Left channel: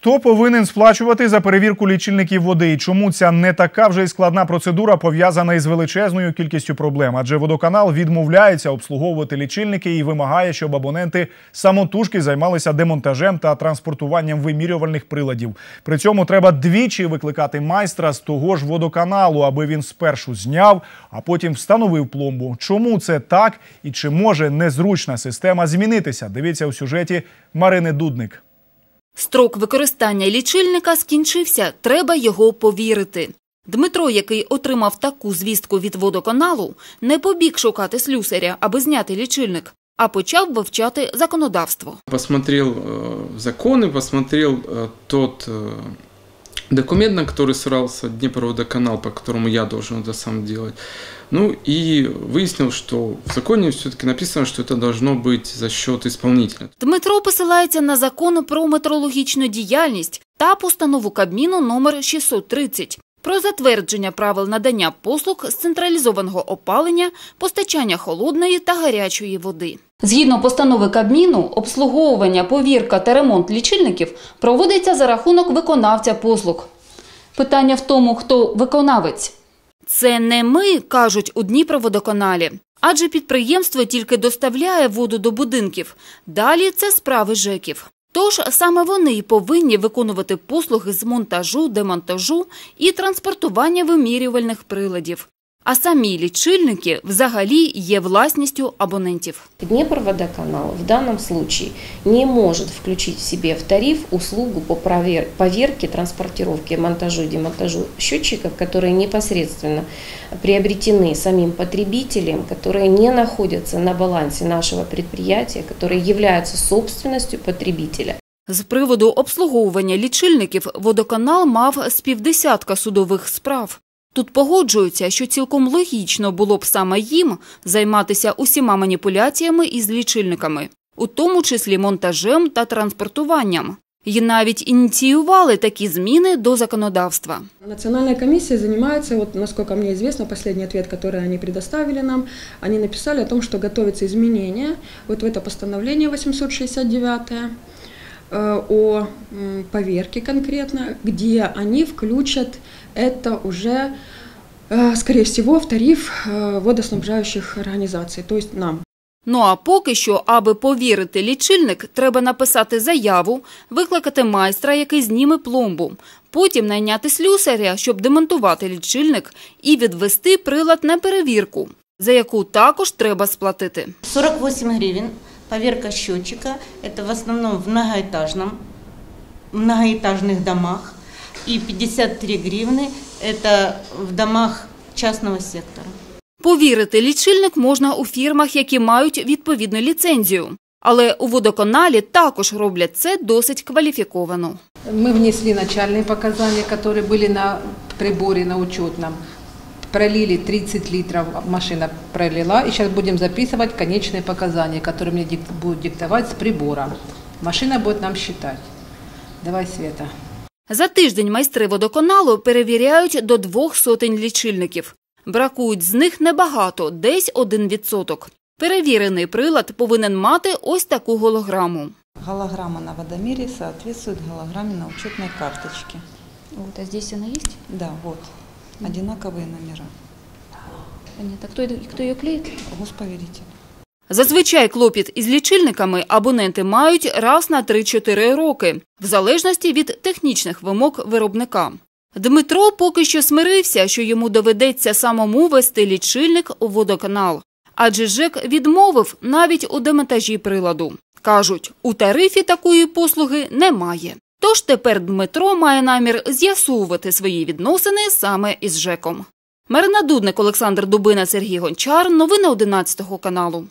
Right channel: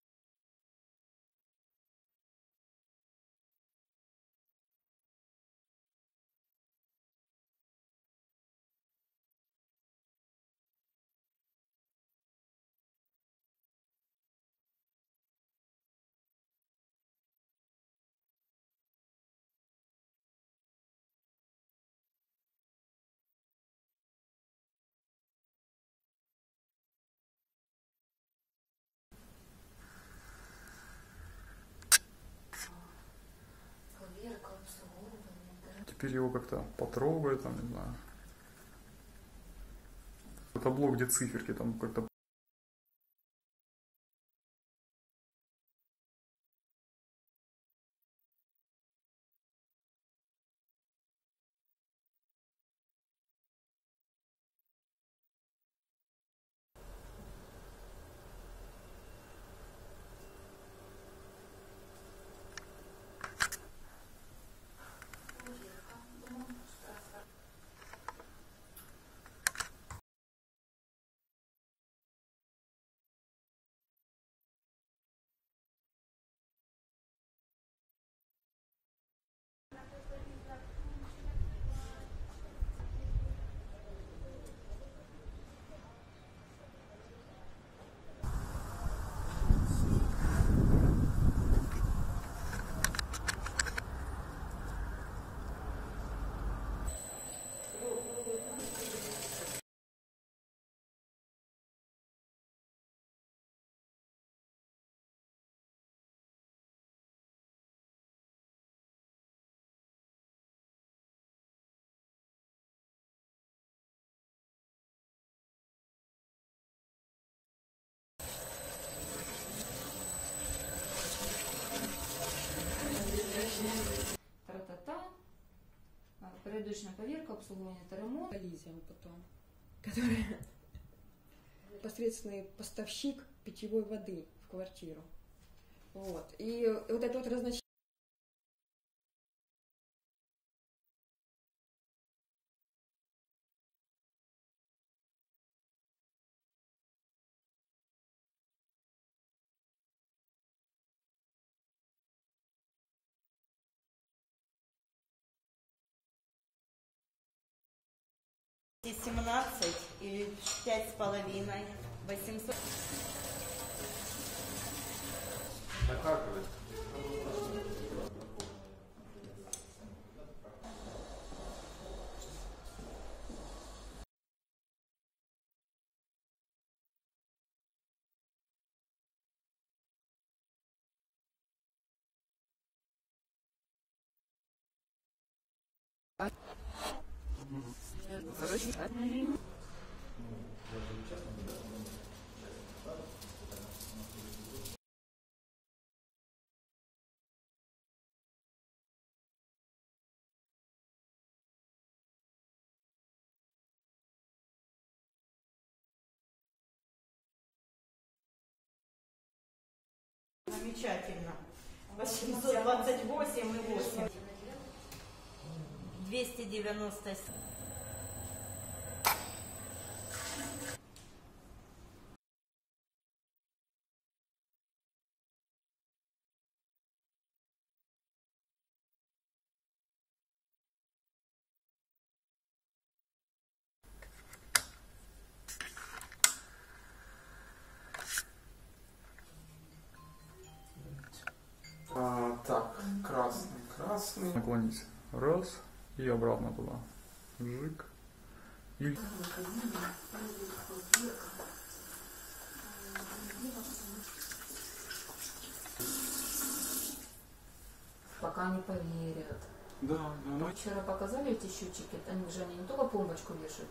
Хто повинен сплачувати за перевірку лічильників води? І чому ця не така вже й складна процедура пов'язана із величезною кількістю проблем? Адже водоканал відмовляється обслуговувати лічильники і вимагає, щоб абоненти самотужки займалися демонтажем та транспортуванням вимірювальних приладів. При цьому треба двічі викликати майстра з того ж водоканалу, аби він спершу зняв, а потім встановив пломбу. Чому це так і чи може незручна система змінитися? Дивіться у сюжеті Марини Дудник. Строк використання лічильника скінчився, треба його повірити. Дмитро, який отримав таку звістку від водоканалу, не побіг шукати слюсаря, аби зняти лічильник, а почав вивчати законодавство. посмотрел э, законы, посмотрел э, тот э, документ, на который ссылался Днепроводоканал, по которому я должен это сам делать. Ну и выяснил, что в законе все-таки написано, что это должно быть за счет исполнителя. Дмитро посилається на закон про метрологічну діяльність та постанову Кабміну номер 630 про затвердження правил надання послуг з централізованого опалення, постачання холодної та гарячої води. Згідно постанови Кабміну, обслуговування, повірка та ремонт лічильників проводиться за рахунок виконавця послуг. Питання в тому, хто виконавець. Це не ми, кажуть у Дніпроводоканалі. Адже підприємство тільки доставляє воду до будинків. Далі це справи ЖЕКів. Тож саме вони й повинні виконувати послуги з монтажу, демонтажу і транспортування вимірювальних приладів А самі лічильники взагалі є власністю абонентів. Днепроводоканал в данном случае не может включить в себе в тариф услугу по провер- поверке, транспортировке, монтажу и демонтажу счетчиков, которые непосредственно приобретены самим потребителем, которые не находятся на балансе нашего предприятия, которые являются собственностью потребителя. З приводу обслуговування лічильників водоканал мав з півдесятка судових справ. Тут погоджуються, що цілком логічно було б саме їм займатися усіма маніпуляціями із лічильниками, у тому числі монтажем та транспортуванням. І навіть ініціювали такі зміни до законодавства. Национальная комиссия занимается, вот насколько мне известно, последний ответ, который они предоставили нам, они написали о том, что готовятся изменения вот в это постановление 869 э, о м, поверке конкретно, где они включат это уже, э, скорее всего, в тариф э, водоснабжающих организаций, то есть нам. Ну а поки що, аби повірити лічильник, треба написати заяву, викликати майстра, який зніме пломбу, потім найняти слюсаря, щоб демонтувати лічильник і відвести прилад на перевірку, за яку також треба сплатити. 48 гривен поверка счетчика. Это в основном в многоэтажном, многоэтажных домах. И 53 гривны это в домах частного сектора. Повірити лічильник можна у фірмах, які мають відповідну ліцензію. Але у водоканалі також роблять це досить кваліфіковано. Мы внесли начальные показания, которые были на приборе, на учетном. Пролили 30 литров, машина пролила. И сейчас будем записывать конечные показания, которые мне дик- будут диктовать с прибора. Машина будет нам считать. Давай, Света. За тиждень майстри водоканалу перевіряють до двох сотень лічильників. Бракують з них небагато, десь один відсоток. Перевірений прилад повинен мати ось таку голограму. Голограмма на водомере соответствует голограмме на учетной карточке. Вот, а здесь она есть? Да, вот. Одинаковые номера. Понятно. Хто, хто її клеїть? Госповеритель. Зазвичай клопіт із лічильниками абоненти мають раз на 3-4 роки, в залежності від технічних вимог виробника. Дмитро поки що смирився, що йому доведеться самому вести лічильник у водоканал. Адже ЖЕК відмовив навіть у демонтажі приладу. Кажуть, у тарифі такої послуги немає. Тож тепер Дмитро має намір з'ясовувати свої відносини саме із ЖЕКом. Марина Дудник, Олександр Дубина, Сергій Гончар. Новини 11 каналу.